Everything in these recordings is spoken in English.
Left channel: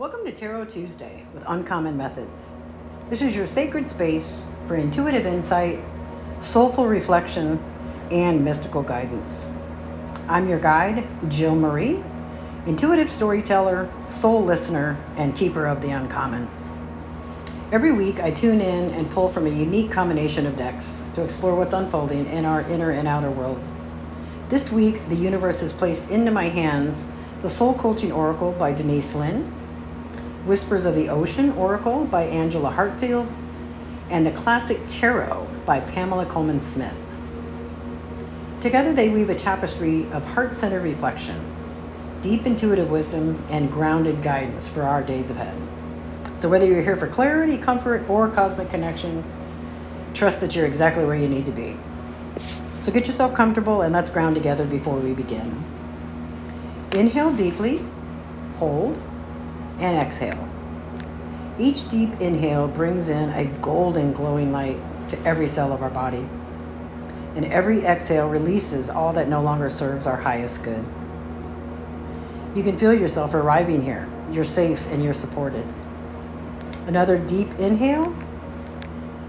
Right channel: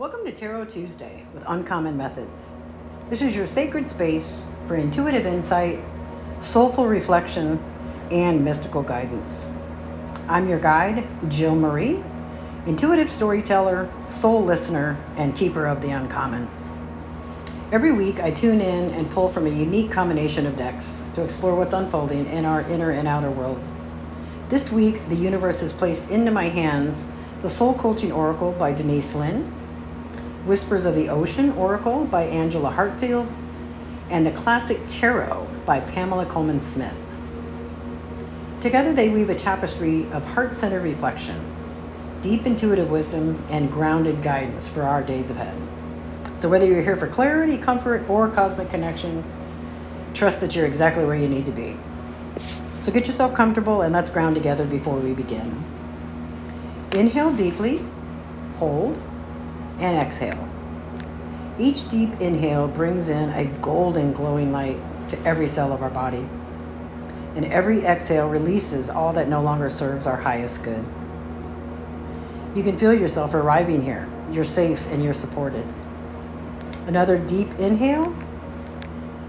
Welcome to Tarot Tuesday with Uncommon Methods. This is your sacred space for intuitive insight, soulful reflection, and mystical guidance. I'm your guide, Jill Marie, intuitive storyteller, soul listener, and keeper of the uncommon. Every week, I tune in and pull from a unique combination of decks to explore what's unfolding in our inner and outer world. This week, the universe has placed into my hands the Soul Coaching Oracle by Denise Linn, Whispers of the Ocean Oracle by Angela Hartfield, and the Classic Tarot by Pamela Colman Smith. Together they weave a tapestry of heart-centered reflection, deep intuitive wisdom, and grounded guidance for our days ahead. So whether you're here for clarity, comfort, or cosmic connection, trust that you're exactly where you need to be. So get yourself comfortable and let's ground together before we begin. Inhale deeply, hold, and exhale. Each deep inhale brings in a golden glowing light to every cell of our body. And every exhale releases all that no longer serves our highest good. You can feel yourself arriving here. You're safe and you're supported. Another deep inhale,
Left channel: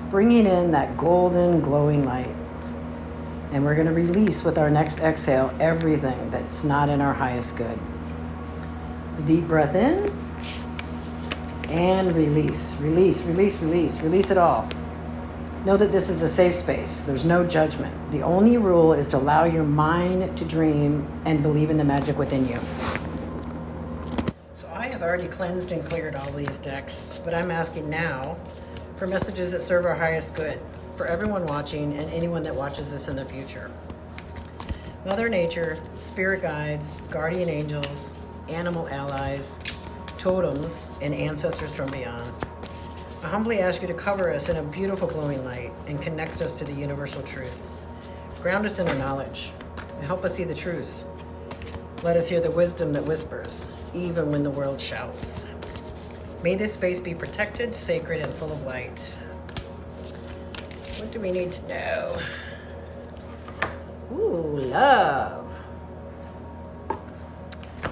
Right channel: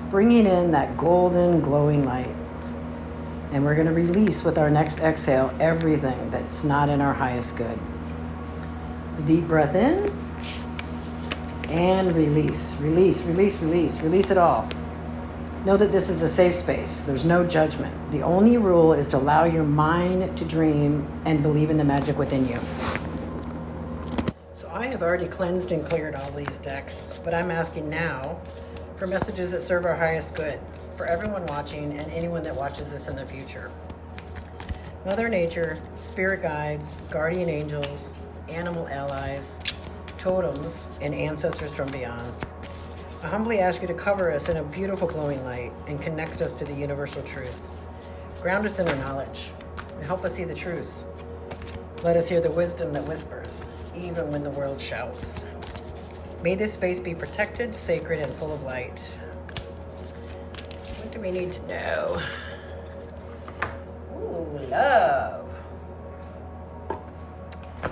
bringing in that golden glowing light. And we're going to release with our next exhale everything that's not in our highest good. So deep breath in. And release, release, release, release, release it all. Know that this is a safe space. There's no judgment. The only rule is to allow your mind to dream and believe in the magic within you. So I have already cleansed and cleared all these decks, but I'm asking now for messages that serve our highest good for everyone watching and anyone that watches this in the future. Mother Nature, spirit guides, guardian angels, animal allies, totems, and ancestors from beyond. I humbly ask you to cover us in a beautiful glowing light and connect us to the universal truth. Ground us in our knowledge and help us see the truth. Let us hear the wisdom that whispers, even when the world shouts. May this space be protected, sacred, and full of light. What do we need to know? Ooh, love.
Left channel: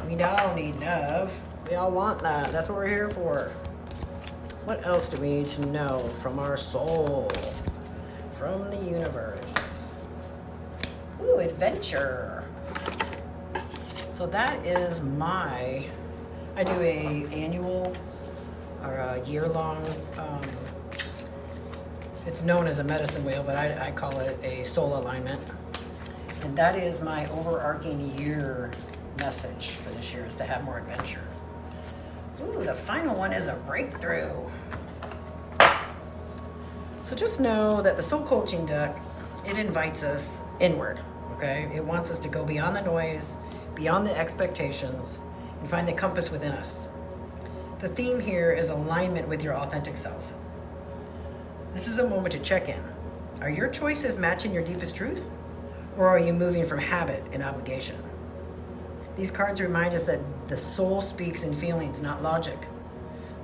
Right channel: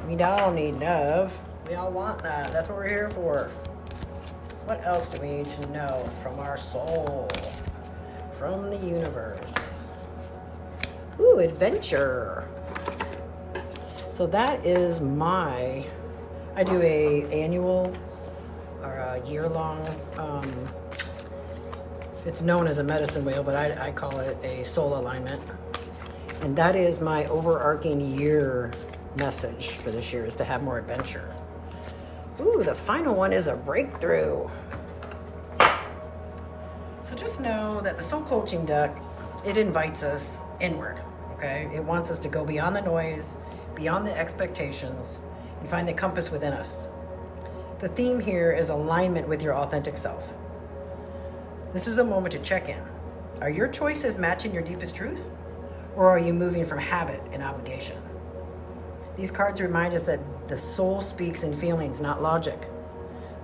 We all need love. We all want that. That's what we're here for. What else do we need to know from our soul, from the universe? Ooh, adventure. So that is I do a annual or a year-long, it's known as a medicine wheel, but I call it a soul alignment. And that is my overarching year message for this year, is to have more adventure. Ooh, the final one is a breakthrough. So just know that the soul coaching deck, it invites us inward, okay? It wants us to go beyond the noise, beyond the expectations, and find the compass within us. The theme here is alignment with your authentic self. This is a moment to check in. Are your choices matching your deepest truth? Or are you moving from habit and obligation? These cards remind us that the soul speaks in feelings, not logic.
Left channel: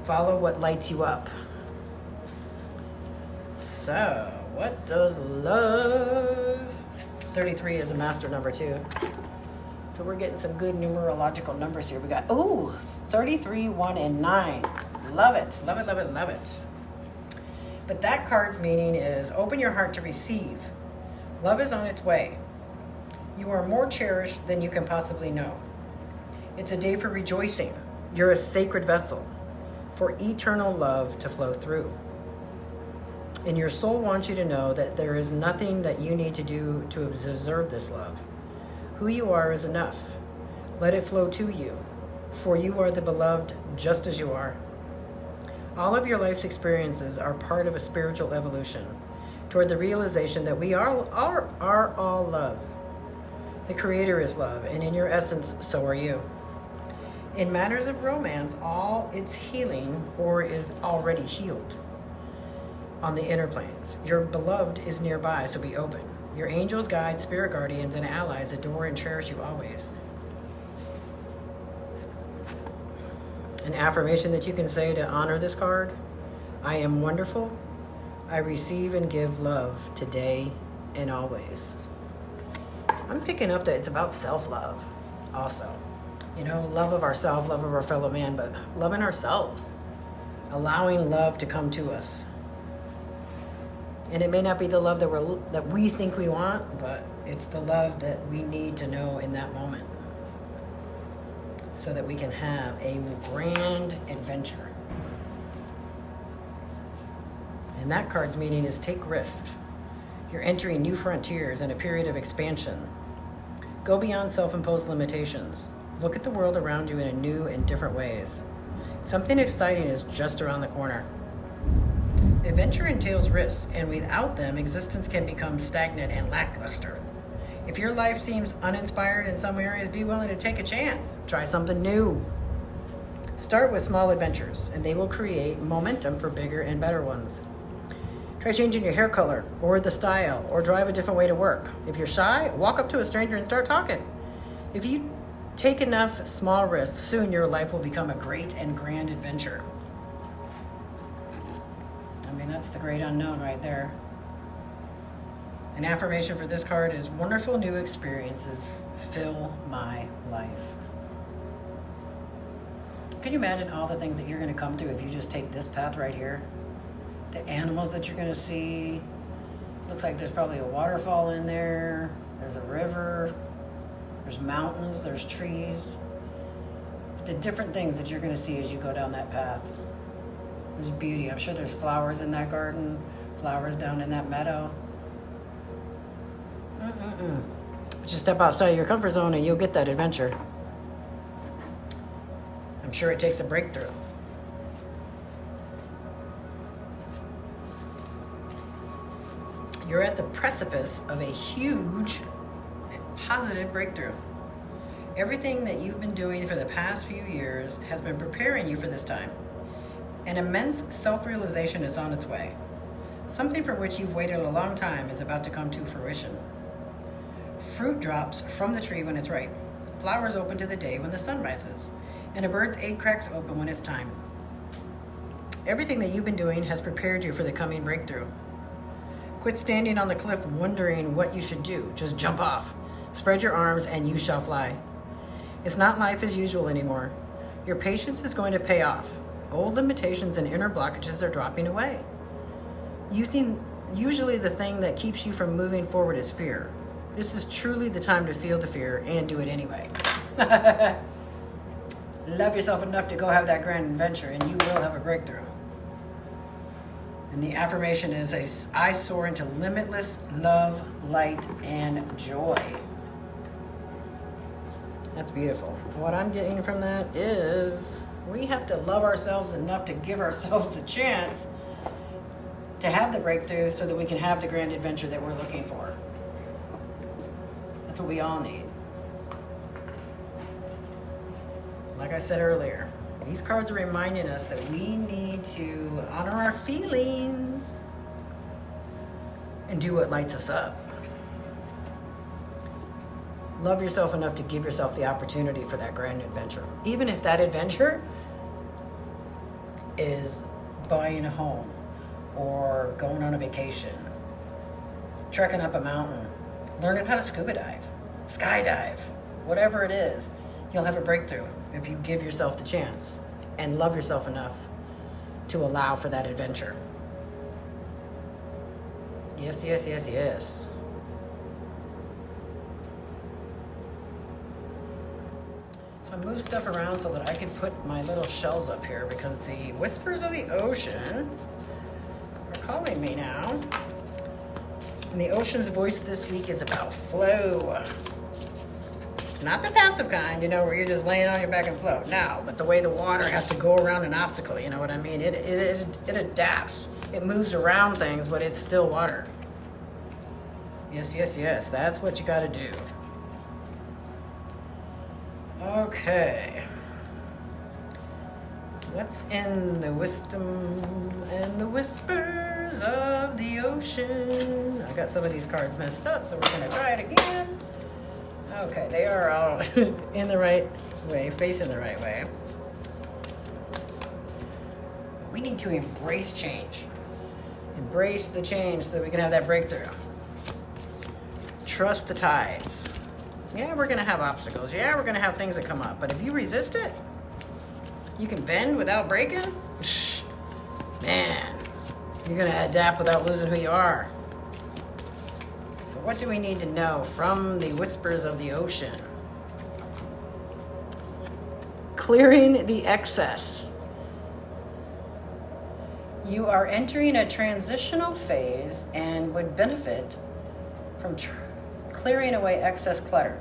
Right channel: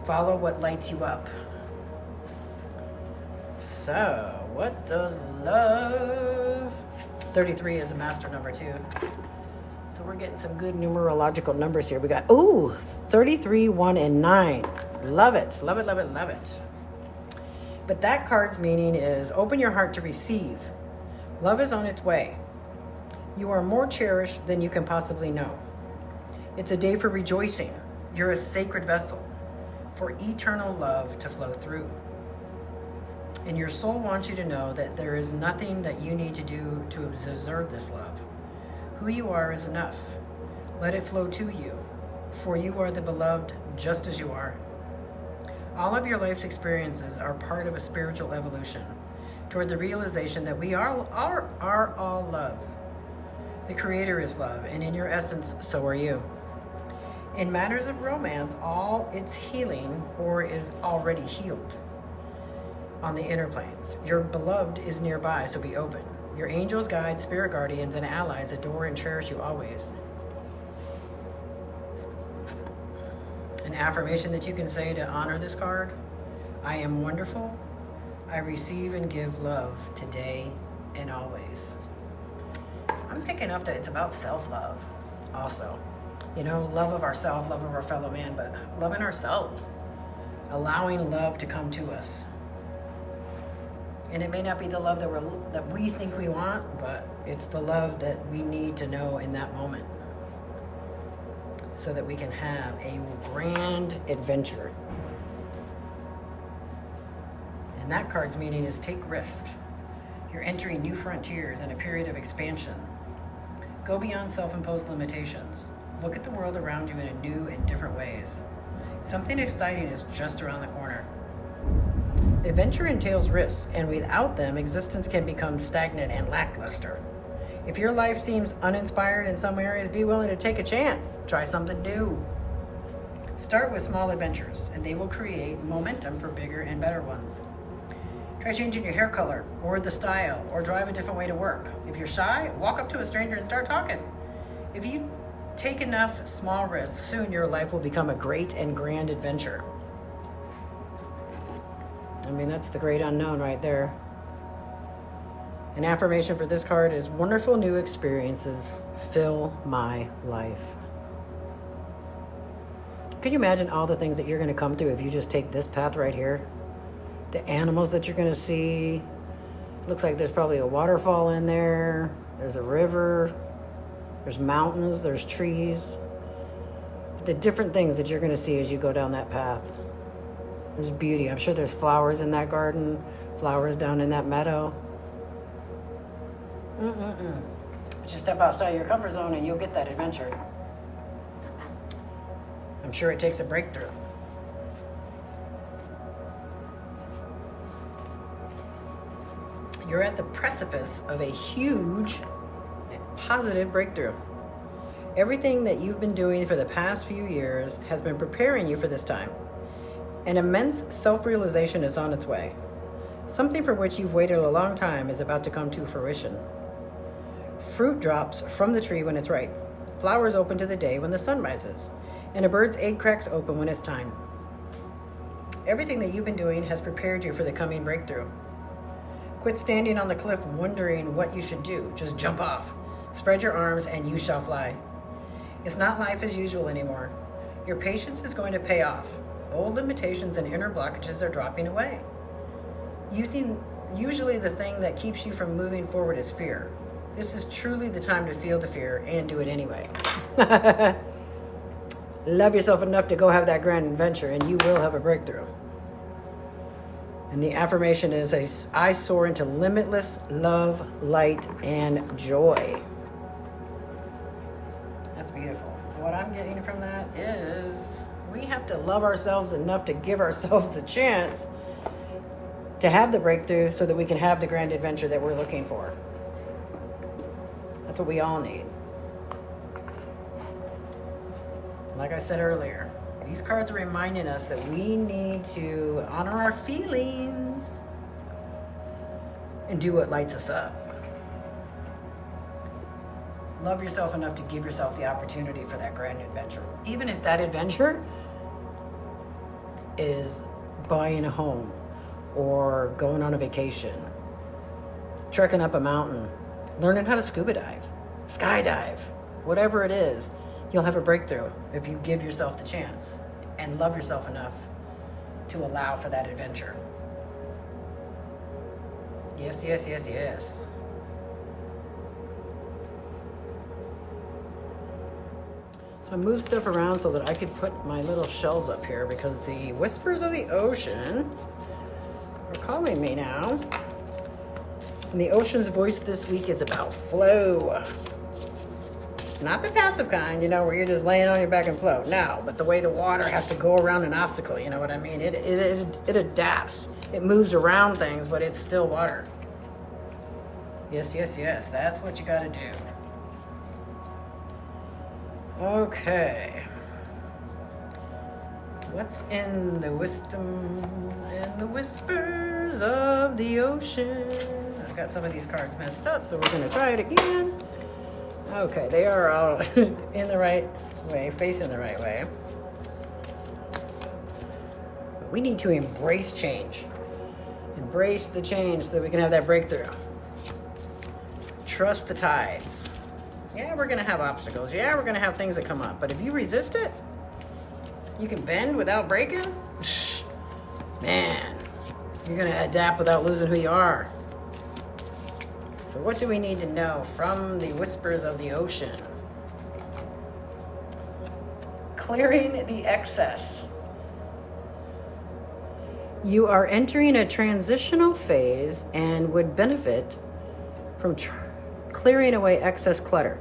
Follow what lights you up. So, what does love? 33 is a master number too. So we're getting some good numerological numbers here. We got, 33, 1, and 9. Love it, love it, love it, love it. But that card's meaning is open your heart to receive. Love is on its way. You are more cherished than you can possibly know. It's a day for rejoicing. You're a sacred vessel for eternal love to flow through. And your soul wants you to know that there is nothing that you need to do to deserve this love. Who you are is enough. Let it flow to you, for you are the beloved just as you are. All of your life's experiences are part of a spiritual evolution toward the realization that we are all love. The Creator is love, and in your essence, so are you. In matters of romance, all its healing or is already healed on the inner planes. Your beloved is nearby, so be open. Your angels, guides, spirit guardians, and allies adore and cherish you always. An affirmation that you can say to honor this card: I am wonderful. I receive and give love today and always. I'm picking up that it's about self-love also. You know, love of ourselves, love of our fellow man, but loving ourselves, allowing love to come to us. And it may not be the love that we think we want, but it's the love that we need to know in that moment so that we can have a grand adventure. And that card's meaning is take risks. You're entering new frontiers and a period of expansion. Go beyond self-imposed limitations. Look at the world around you in new and different ways. Something exciting is just around the corner. Adventure entails risks, and without them, existence can become stagnant and lackluster. If your life seems uninspired in some areas, be willing to take a chance. Try something new. Start with small adventures, and they will create momentum for bigger and better ones. Try changing your hair color, or the style, or drive a different way to work. If you're shy, walk up to a stranger and start talking. If you take enough small risks, soon your life will become a great and grand adventure. I mean, that's the great unknown right there. An affirmation for this card is, wonderful new experiences fill my life. Can you imagine all the things that you're going to come through if you just take this path right here? The animals that you're going to see. Looks like there's probably a waterfall in there. There's a river. There's mountains. There's trees. The different things that you're going to see as you go down that path. There's beauty. I'm sure there's flowers in that garden. Flowers down in that meadow. Just step outside your comfort zone and you'll get that adventure. I'm sure it takes a breakthrough. You're at the precipice of a huge positive breakthrough. Everything that you've been doing for the past few years has been preparing you for this time. An immense self-realization is on its way. Something for which you've waited a long time is about to come to fruition. Fruit drops from the tree when it's ripe. Flowers open to the day when the sun rises. And a bird's egg cracks open when it's time. Everything that you've been doing has prepared you for the coming breakthrough. Quit standing on the cliff wondering what you should do. Just jump off. Spread your arms and you shall fly. It's not life as usual anymore. Your patience is going to pay off. Old limitations and inner blockages are dropping away. Usually the thing that keeps you from moving forward is fear. This is truly the time to feel the fear and do it anyway. Love yourself enough to go have that grand adventure and you will have a breakthrough. And the affirmation is, I soar into limitless love, light, and joy. That's beautiful. What I'm getting from that is we have to love ourselves enough to give ourselves the chance to have the breakthrough so that we can have the grand adventure that we're looking for. That's what we all need. Like I said earlier, these cards are reminding us that we need to honor our feelings and do what lights us up. Love yourself enough to give yourself the opportunity for that grand adventure. Even if that adventure is buying a home or going on a vacation, trekking up a mountain, learning how to scuba dive, skydive, whatever it is, you'll have a breakthrough if you give yourself the chance and love yourself enough to allow for that adventure. Yes, yes, yes, yes. So I moved stuff around so that I could put my little shells up here because the whispers of the ocean are calling me now. And the ocean's voice this week is about flow. Not the passive kind, you know, where you're just laying on your back and float. No, but the way the water has to go around an obstacle, you know what I mean? It adapts. It moves around things, but it's still water. Yes, yes, yes. That's what you got to do. Okay. What's in the wisdom and the whispers of the ocean? I got some of these cards messed up, so we're going to try it again. Okay, they are all in the right way, facing the right way. But we need to embrace change. Embrace the change so that we can have that breakthrough. Trust the tides. Yeah, we're going to have obstacles. Yeah, we're going to have things that come up. But if you resist it, you can bend without breaking. Man, you're going to adapt without losing who you are. So what do we need to know from the whispers of the ocean? Clearing the excess. You are entering a transitional phase and would benefit from clearing away excess clutter,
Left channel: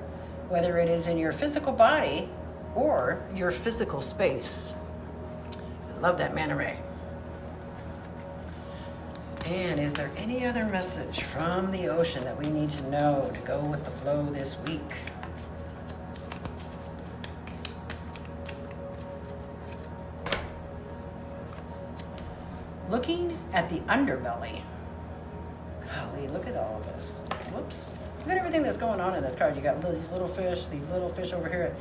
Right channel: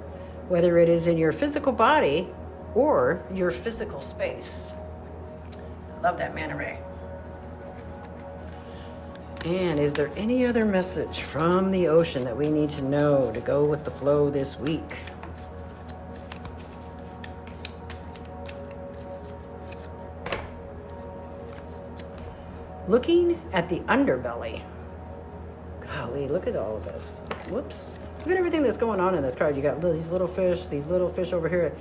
whether it is in your physical body or your physical space. I love that manta ray. And is there any other message from the ocean that we need to know to go with the flow this week? Looking at the underbelly. Golly, look at all of this. Whoops. Look at everything that's going on in this card. You got these little fish over here.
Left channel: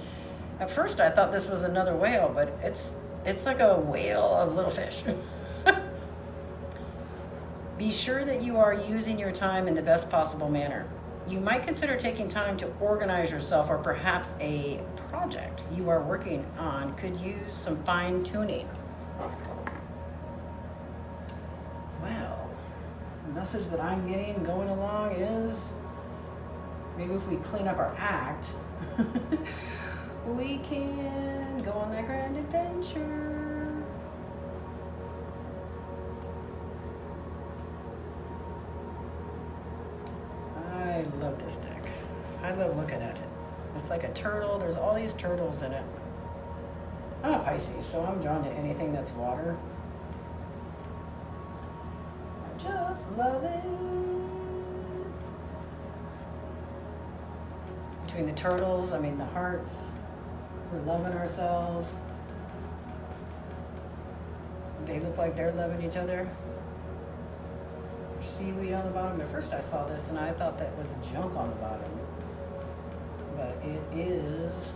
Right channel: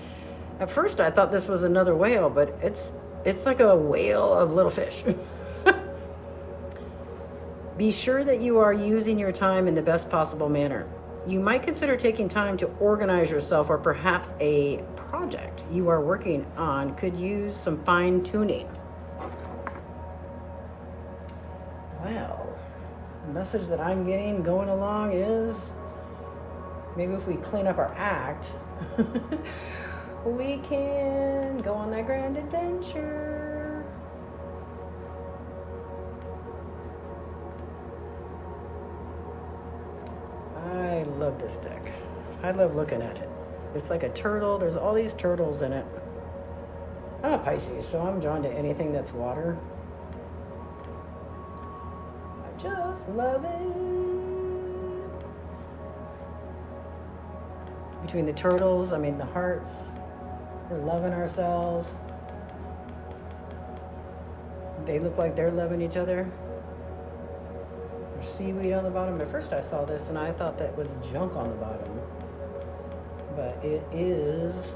At first I thought this was another whale, but it's like a whale of little fish. Be sure that you are using your time in the best possible manner. You might consider taking time to organize yourself, or perhaps a project you are working on could use some fine tuning. Well, the message that I'm getting going along is maybe if we clean up our act, we can go on that grand adventure. I love this deck. I love looking at it. It's like a turtle. There's all these turtles in it. I'm a Pisces, so I'm drawn to anything that's water. I just love it. Between the turtles, the hearts, we're loving ourselves. They look like they're loving each other. There's seaweed on the bottom. At first I saw this and I thought that was junk on the bottom. But it is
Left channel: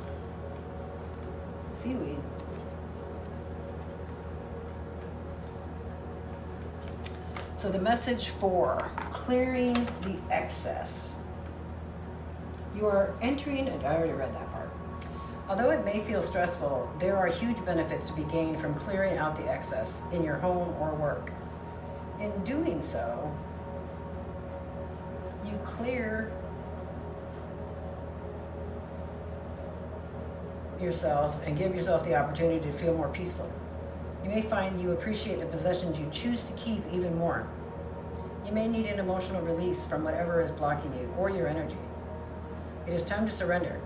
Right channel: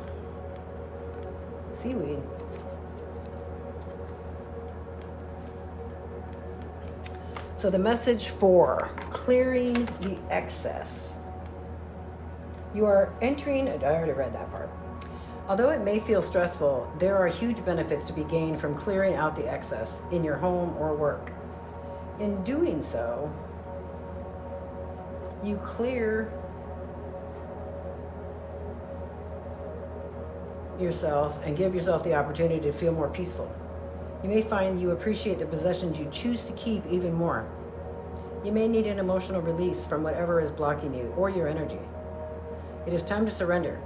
seaweed. So the message for clearing the excess. You are entering, I already read that part. Although it may feel stressful, there are huge benefits to be gained from clearing out the excess in your home or work. In doing so, you clear yourself and give yourself the opportunity to feel more peaceful. You may find you appreciate the possessions you choose to keep even more. You may need an emotional release from whatever is blocking you or your energy. It is time to surrender.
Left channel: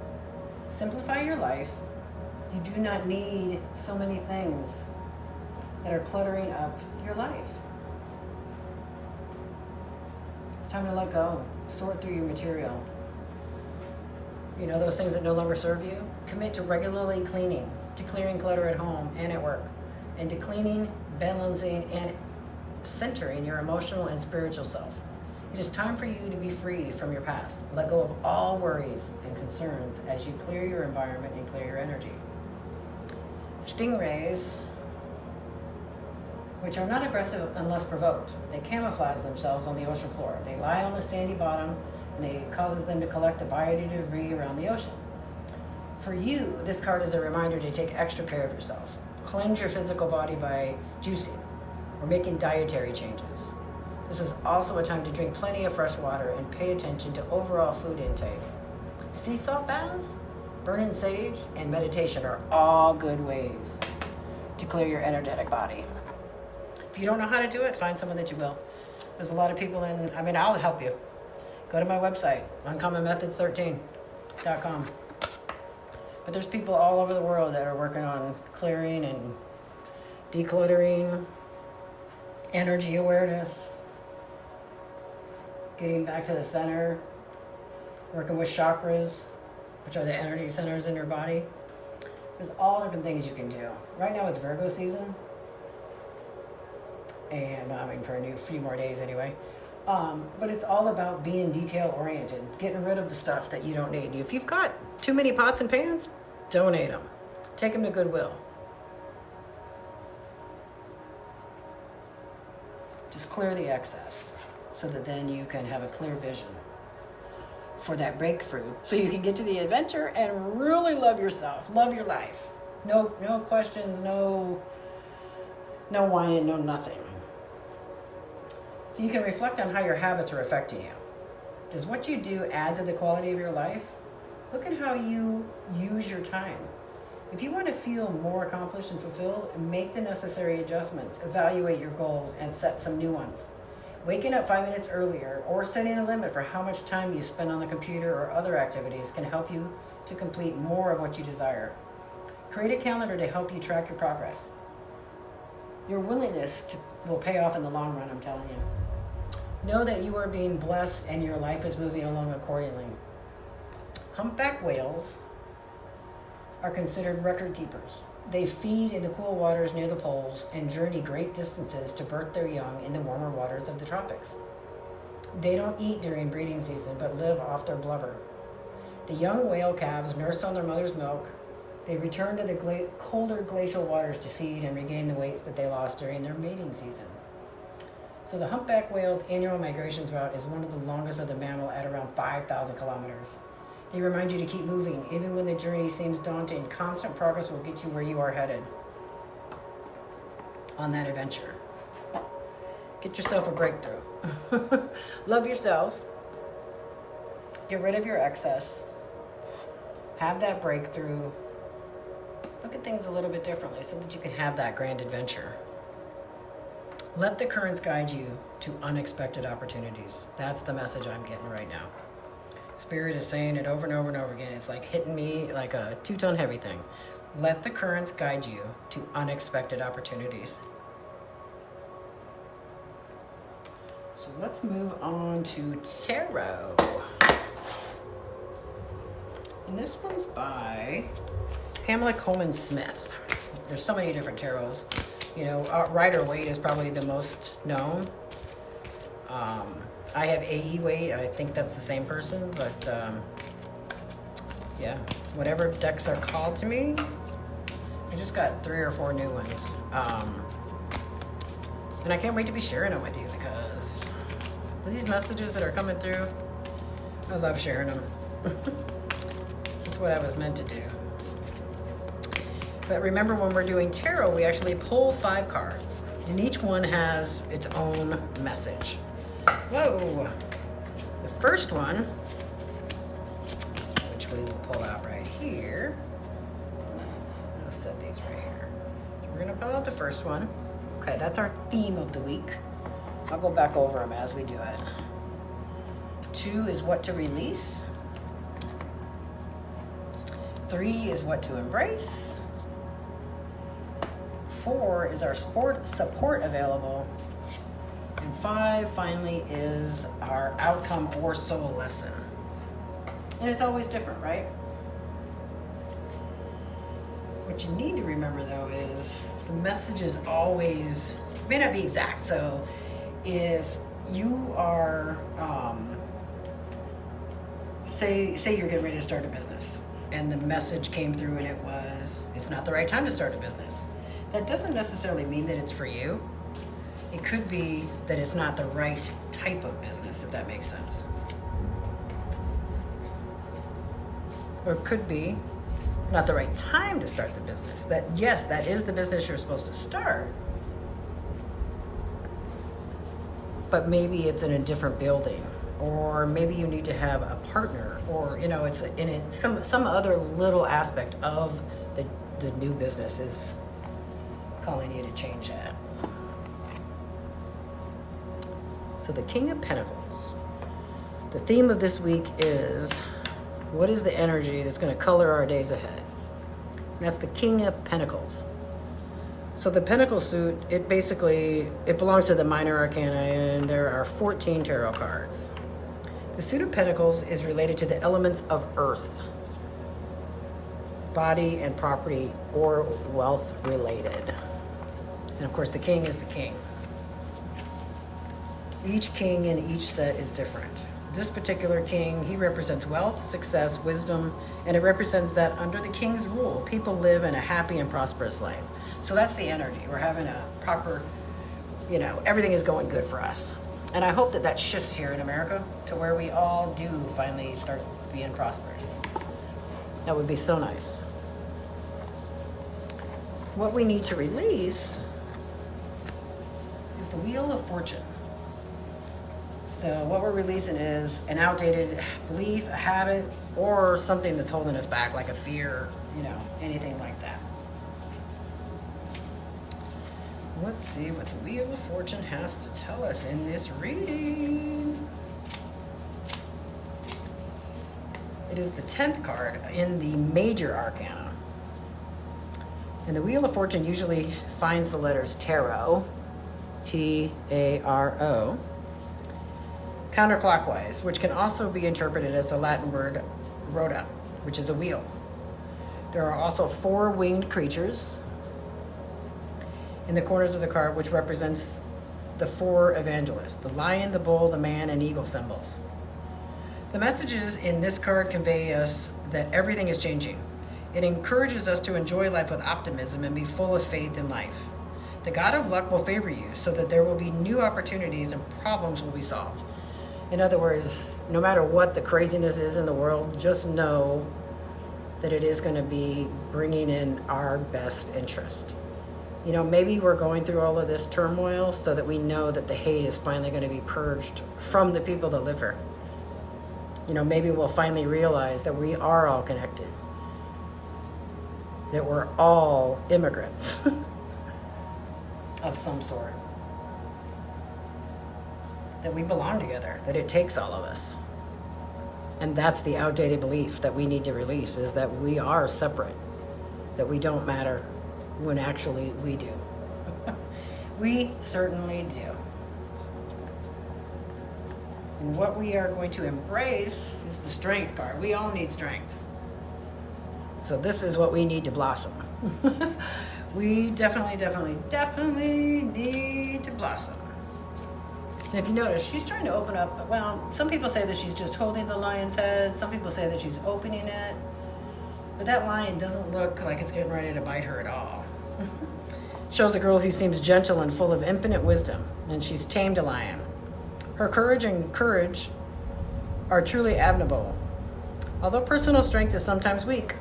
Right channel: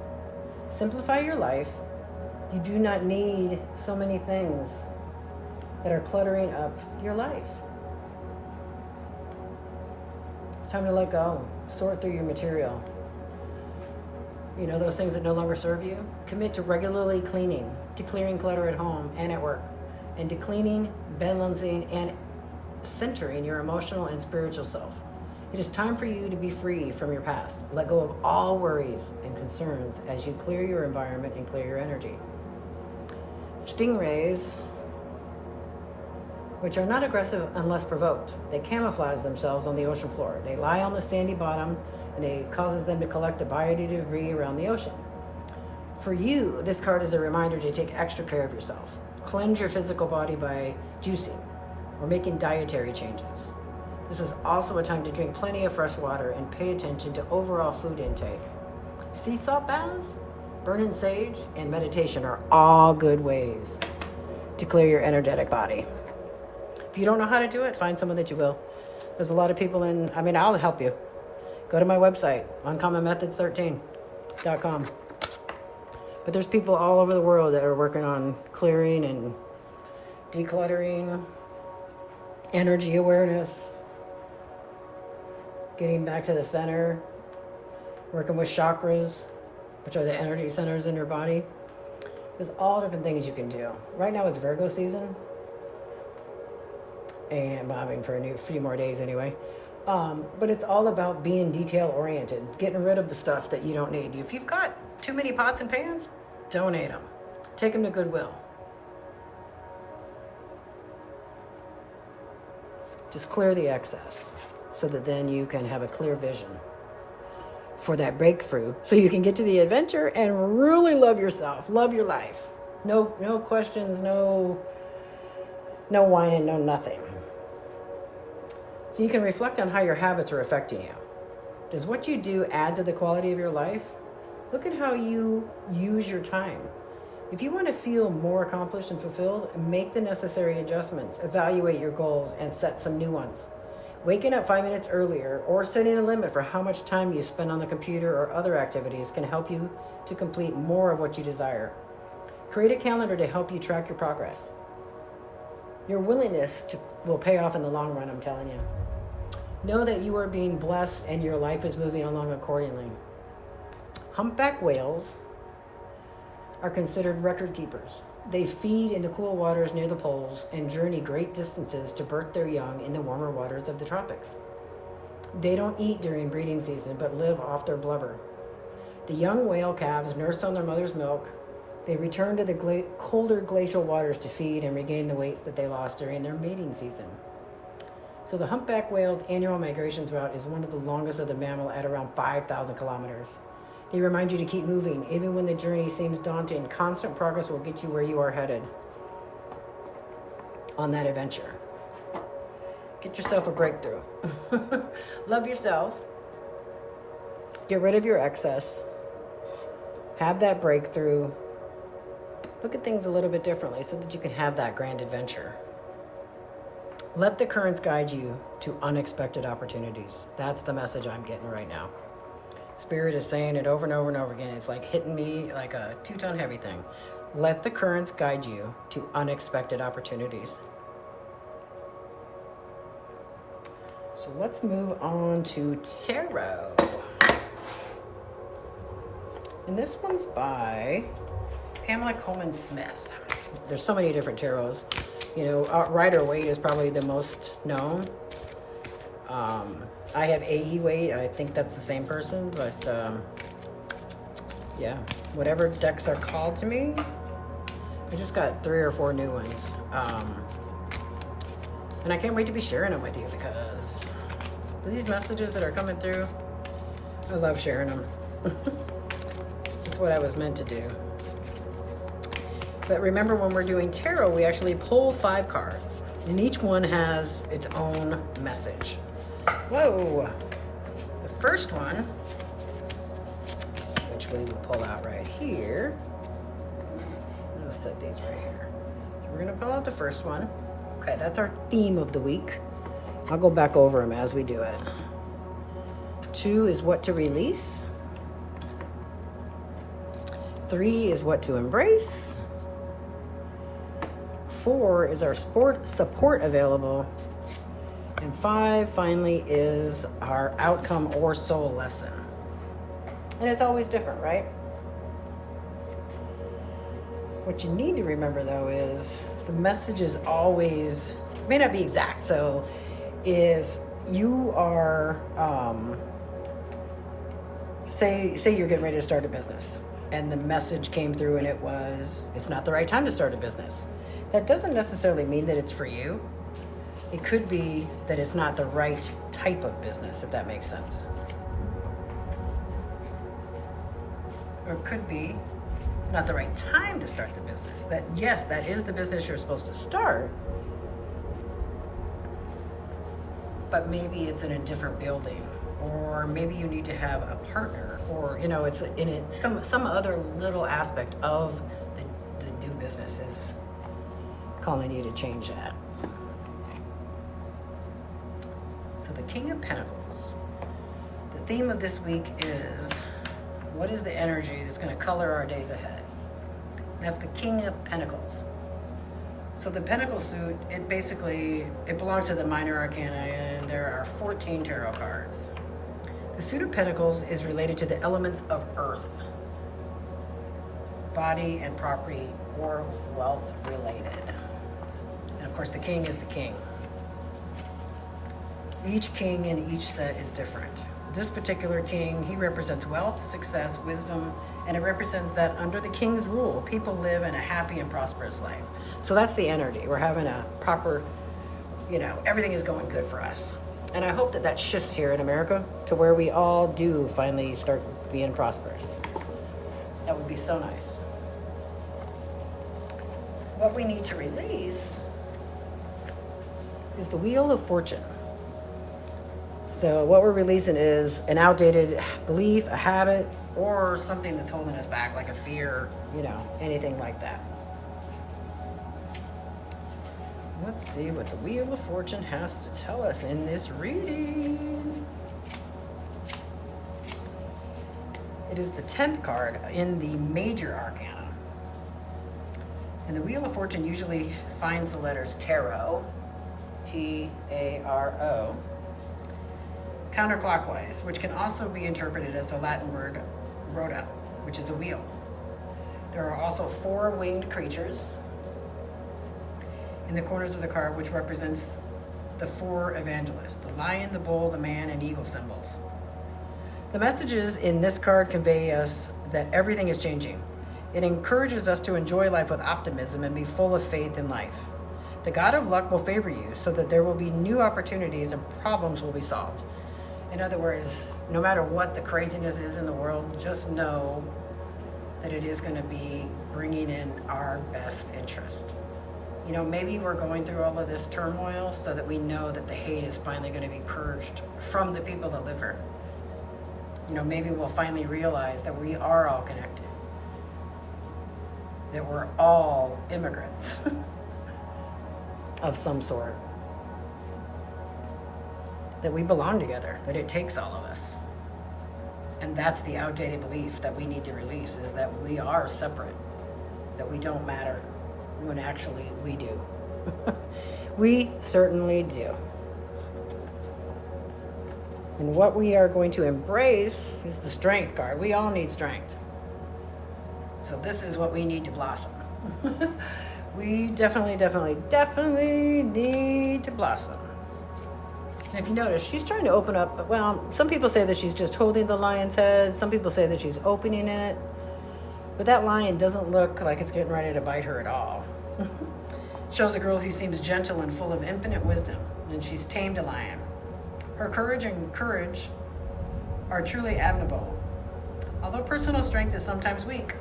Simplify your life. You do not need so many things that are cluttering up your life. It's time to let go. Sort through your material. You know, those things that no longer serve you? Commit to regularly cleaning, to clearing clutter at home and at work, and to cleaning, balancing, and centering your emotional and spiritual self. It is time for you to be free from your past. Let go of all worries and concerns as you clear your environment and clear your energy. Stingrays, which are not aggressive unless provoked, they camouflage themselves on the ocean floor. They lie on the sandy bottom, and it causes them to collect the biodebris around the ocean. For you, this card is a reminder to take extra care of yourself. Cleanse your physical body by juicing or making dietary changes. This is also a time to drink plenty of fresh water and pay attention to overall food intake. Sea salt baths, burning sage, and meditation are all good ways to clear your energetic body. If you don't know how to do it, find someone that you will. There's a lot of people I'll help you. Go to my website, uncommonmethods13.com. But there's people all over the world that are working on clearing and decluttering, energy awareness, getting back to the center, working with chakras, which are the energy centers in your body. There's all different things you can do. Right now it's Virgo season. And for a few more days anyway. But it's all about being detail oriented, getting rid of the stuff that you don't need. If you've got too many pots and pans, donate them. Take them to Goodwill. Just clear the excess so that then you can have a clear vision for that breakthrough so you can get to the adventure and really love yourself, love your life. No questions, no whining, no nothing. So you can reflect on how your habits are affecting you. Does what you do add to the quality of your life? Look at how you use your time. If you want to feel more accomplished and fulfilled, make the necessary adjustments, evaluate your goals, and set some new ones. Waking up 5 minutes earlier or setting a limit for how much time you spend on the computer or other activities can help you to complete more of what you desire. Create a calendar to help you track your progress. Your willingness will pay off in the long run, I'm telling you. Know that you are being blessed and your life is moving along accordingly. Humpback whales are considered record keepers. They feed in the cool waters near the poles and journey great distances to birth their young in the warmer waters of the tropics. They don't eat during breeding season, but live off their blubber. The young whale calves nurse on their mother's milk. They return to the colder glacial waters to feed and regain the weights that they lost during their mating season. So the humpback whale's annual migrations route is one of the longest of the mammal at around 5,000 kilometers. They remind you to keep moving. Even when the journey seems daunting, constant progress will get you where you are headed on that adventure. Get yourself a breakthrough. Love yourself. Get rid of your excess. Have that breakthrough. Look at things a little bit differently so that you can have that grand adventure. Let the currents guide you to unexpected opportunities. That's the message I'm getting right now. Spirit is saying it over and over and over again. It's like hitting me like a 2-ton heavy thing. Let the currents guide you to unexpected opportunities. So let's move on to tarot. And this one's by Pamela Colman Smith. There's so many different tarots. You know, Rider-Waite is probably the most known. I have A.E. I think that's the same person, but yeah, whatever decks are called to me. I just got 3 or 4 new ones. And I can't wait to be sharing them with you because these messages that are coming through, I love sharing them. It's what I was meant to do. But remember, when we're doing tarot, we actually pull 5 cards, and each one has its own message. Whoa! The first one, which we will pull out right here. I'll set these right here. So we're gonna pull out the first one. Okay, that's our theme of the week. I'll go back over them as we do it. 2 is what to release. 3 is what to embrace. 4 is our support available. And 5 finally is our outcome or soul lesson. And it's always different, right? What you need to remember though is the message is always, it may not be exact. So if you are, say you're getting ready to start a business and the message came through and it was, it's not the right time to start a business. That doesn't necessarily mean that it's for you. It could be that it's not the right type of business, if that makes sense. Or it could be it's not the right time to start the business. That, yes, that is the business you're supposed to start, but maybe it's in a different building, or maybe you need to have a partner, or you know, it's in it, some other little aspect of the new business is calling you to change that. So the King of Pentacles. The theme of this week is, what is the energy that's going to color our days ahead? That's the King of Pentacles. So the Pentacle suit, it belongs to the Minor Arcana, and there are 14 tarot cards. The suit of Pentacles is related to the elements of earth, body and property, or wealth related. And of course the King is the King. Each king in each set is different. This particular king, he represents wealth, success, wisdom, and it represents that under the king's rule, people live in a happy and prosperous life. So that's the energy. We're having a proper, you know, everything is going good for us. And I hope that that shifts here in America to where we all do finally start being prosperous. That would be so nice. What we need to release is the Wheel of Fortune. So what we're releasing is an outdated belief, a habit, or something that's holding us back, like a fear, anything like that. Let's see what the Wheel of Fortune has to tell us in this reading. It is the 10th card in the Major Arcana. And the Wheel of Fortune usually finds the letters Tarot, T-A-R-O, counterclockwise, which can also be interpreted as the Latin word rota, which is a wheel. There are also 4 winged creatures in the corners of the card, which represents the 4 evangelists: the lion, the bull, the man, and eagle symbols. The messages in this card convey us that everything is changing. It encourages us to enjoy life with optimism and be full of faith in life. The God of luck will favor you so that there will be new opportunities and problems will be solved. In other words, no matter what the craziness is in the world, just know that it is going to be bringing in our best interest. Maybe we're going through all of this turmoil so that we know that the hate is finally going to be purged from the people that live here. Maybe we'll finally realize that we are all connected, that we're all immigrants of some sort, that we belong together, that it takes all of us. And that's the outdated belief that we need to release, is that we are separate, that we don't matter, when actually we do. We certainly do. And what we are going to embrace is the Strength card. We all need strength. So this is what we need to blossom. We definitely need to blossom. And if you notice, she's starting to open up. Well, some people say that she's just holding the lion's head. Some people say that she's opening it. But that lion doesn't look like it's getting ready to bite her at all. Shows a girl who seems gentle and full of infinite wisdom, and she's tamed a lion. Her courage are truly admirable. Although personal strength is sometimes weak,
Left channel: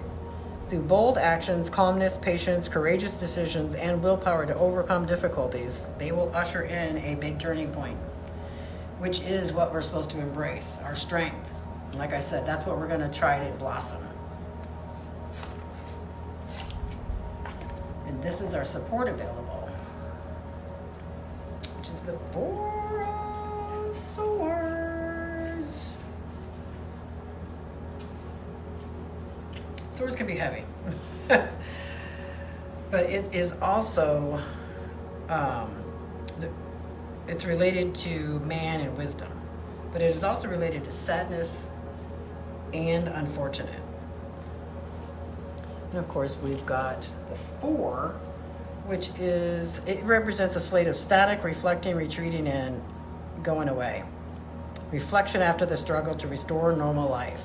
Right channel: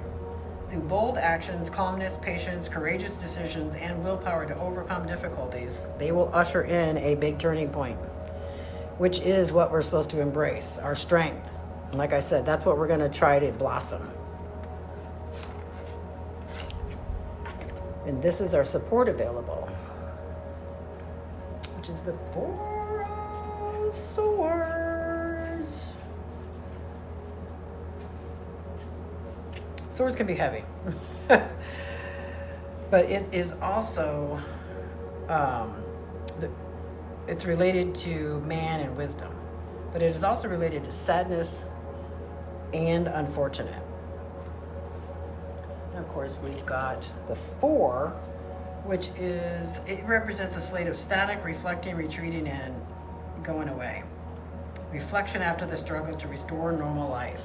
through bold actions, calmness, patience, courageous decisions, and willpower to overcome difficulties, they will usher in a big turning point, which is what we're supposed to embrace, our strength. And like I said, that's what we're going to try to blossom. And this is our support available, which is the 4 of Swords. Swords can be heavy, but it is also, it's related to man and wisdom, but it is also related to sadness and unfortunate. And of course, we've got the 4, which it represents a slate of static, reflecting, retreating, and going away. Reflection after the struggle to restore normal life.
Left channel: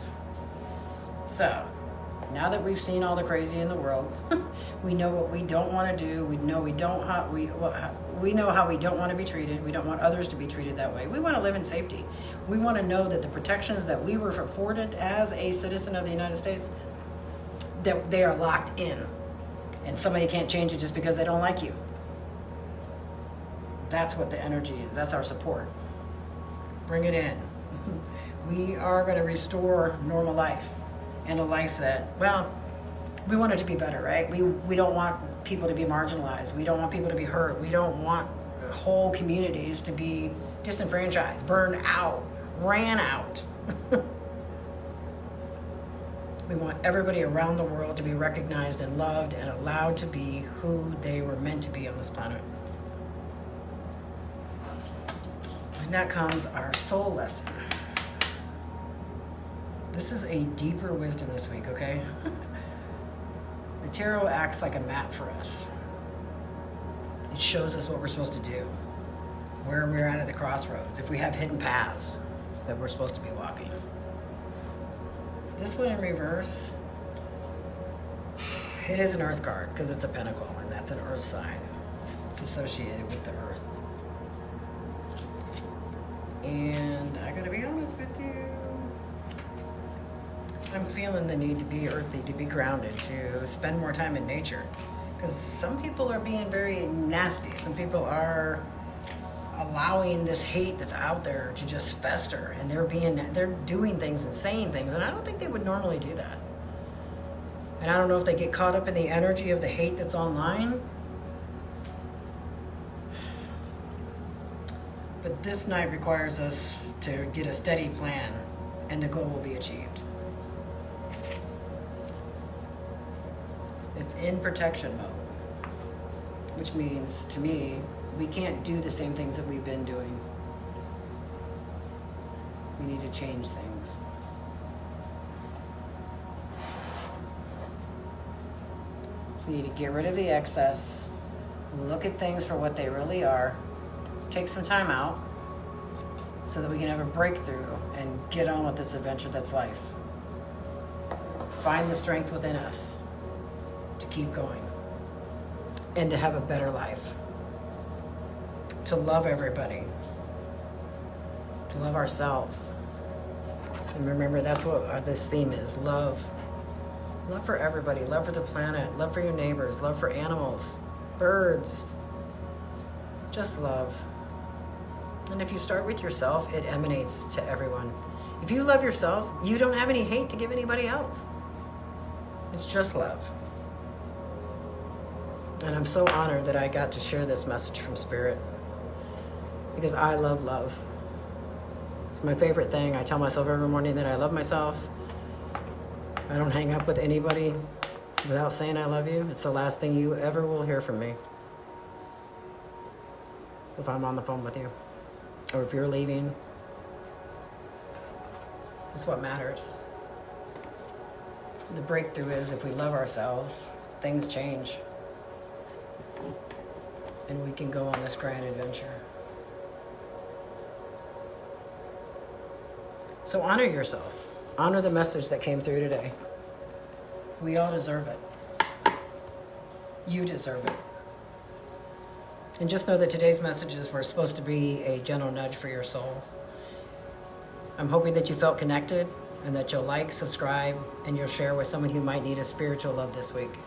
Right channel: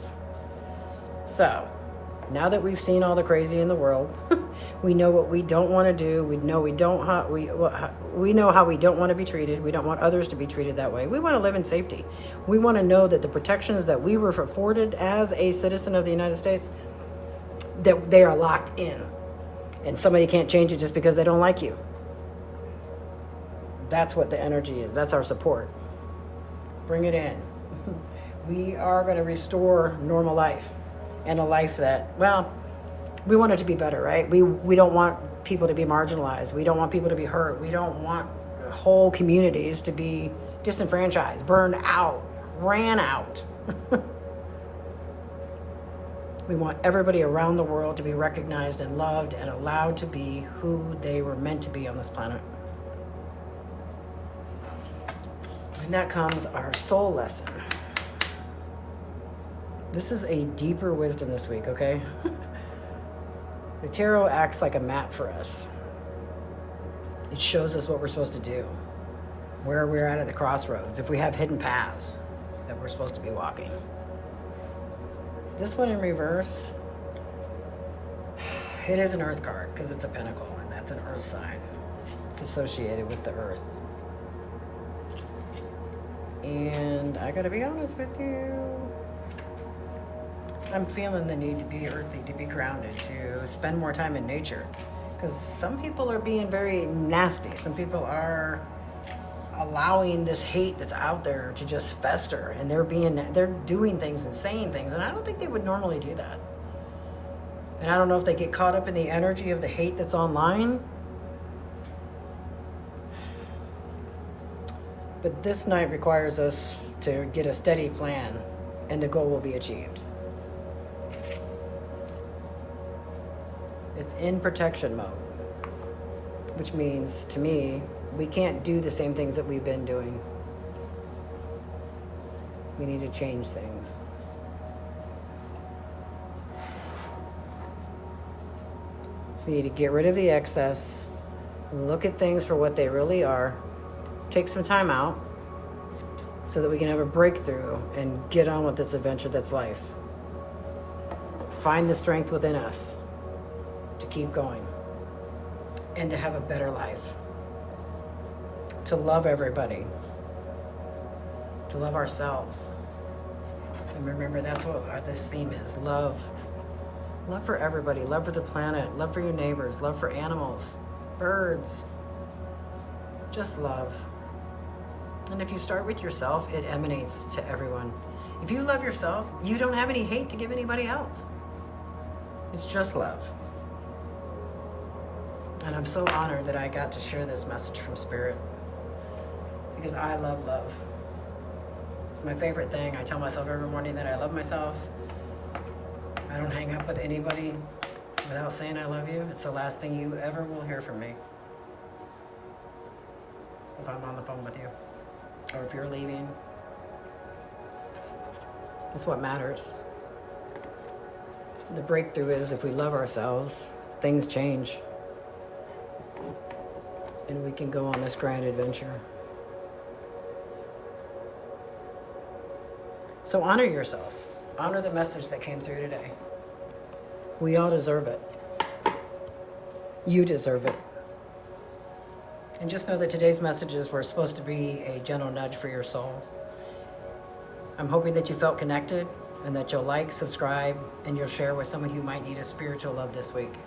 So, now that we've seen all the crazy in the world, we know what we don't want to do. We know we know how we don't want to be treated. We don't want others to be treated that way. We want to live in safety. We want to know that the protections that we were afforded as a citizen of the United States, that they are locked in, and somebody can't change it just because they don't like you. That's what the energy is. That's our support. Bring it in. We are going to restore normal life, and a life that, well, we want it to be better, right? We don't want people to be marginalized. We don't want people to be hurt. We don't want whole communities to be disenfranchised, burned out, ran out. We want everybody around the world to be recognized and loved and allowed to be who they were meant to be on this planet. And that comes our soul lesson. This is a deeper wisdom this week, okay? The tarot acts like a map for us. It shows us what we're supposed to do, where we're at the crossroads, if we have hidden paths that we're supposed to be walking. This one in reverse, it is an earth card because it's a pentacle, and that's an earth sign. It's associated with the earth. And I gotta be honest with you, I'm feeling the need to be earthy, to be grounded, to spend more time in nature. Because some people are being very nasty. Some people are allowing this hate that's out there to just fester, and they're doing things and saying things, and I don't think they would normally do that. And I don't know if they get caught up in the energy of the hate that's online. But this night requires us to get a steady plan, and the goal will be achieved. It's in protection mode, which means, to me, we can't do the same things that we've been doing. We need to change things. We need to get rid of the excess, look at things for what they really are, take some time out so that we can have a breakthrough and get on with this adventure that's life. Find the strength within us to keep going and to have a better life. To love everybody, to love ourselves. And remember, that's what this theme is, love. Love for everybody, love for the planet, love for your neighbors, love for animals, birds. Just love. And if you start with yourself, it emanates to everyone. If you love yourself, you don't have any hate to give anybody else. It's just love. And I'm so honored that I got to share this message from Spirit, because I love love. It's my favorite thing. I tell myself every morning that I love myself. I don't hang up with anybody without saying I love you. It's the last thing you ever will hear from me if I'm on the phone with you, or if you're leaving. It's what matters. The breakthrough is, if we love ourselves, things change. And we can go on this grand adventure. So honor yourself. Honor the message that came through today. We all deserve it. You deserve it. And just know that today's messages were supposed to be a gentle nudge for your soul. I'm hoping that you felt connected, and that you'll like, subscribe, and you'll share with someone who might need a spiritual love this week.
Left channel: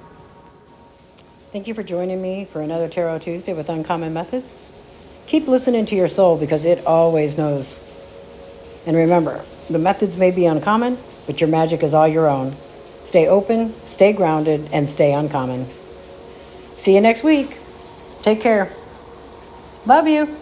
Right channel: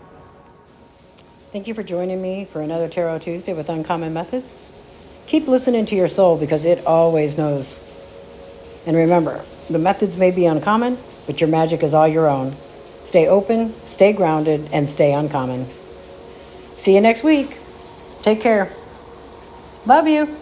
Thank you for joining me for another Tarot Tuesday with Uncommon Methods. Keep listening to your soul, because it always knows. And remember, the methods may be uncommon, but your magic is all your own. Stay open, stay grounded, and stay uncommon. See you next week. Take care. Love you.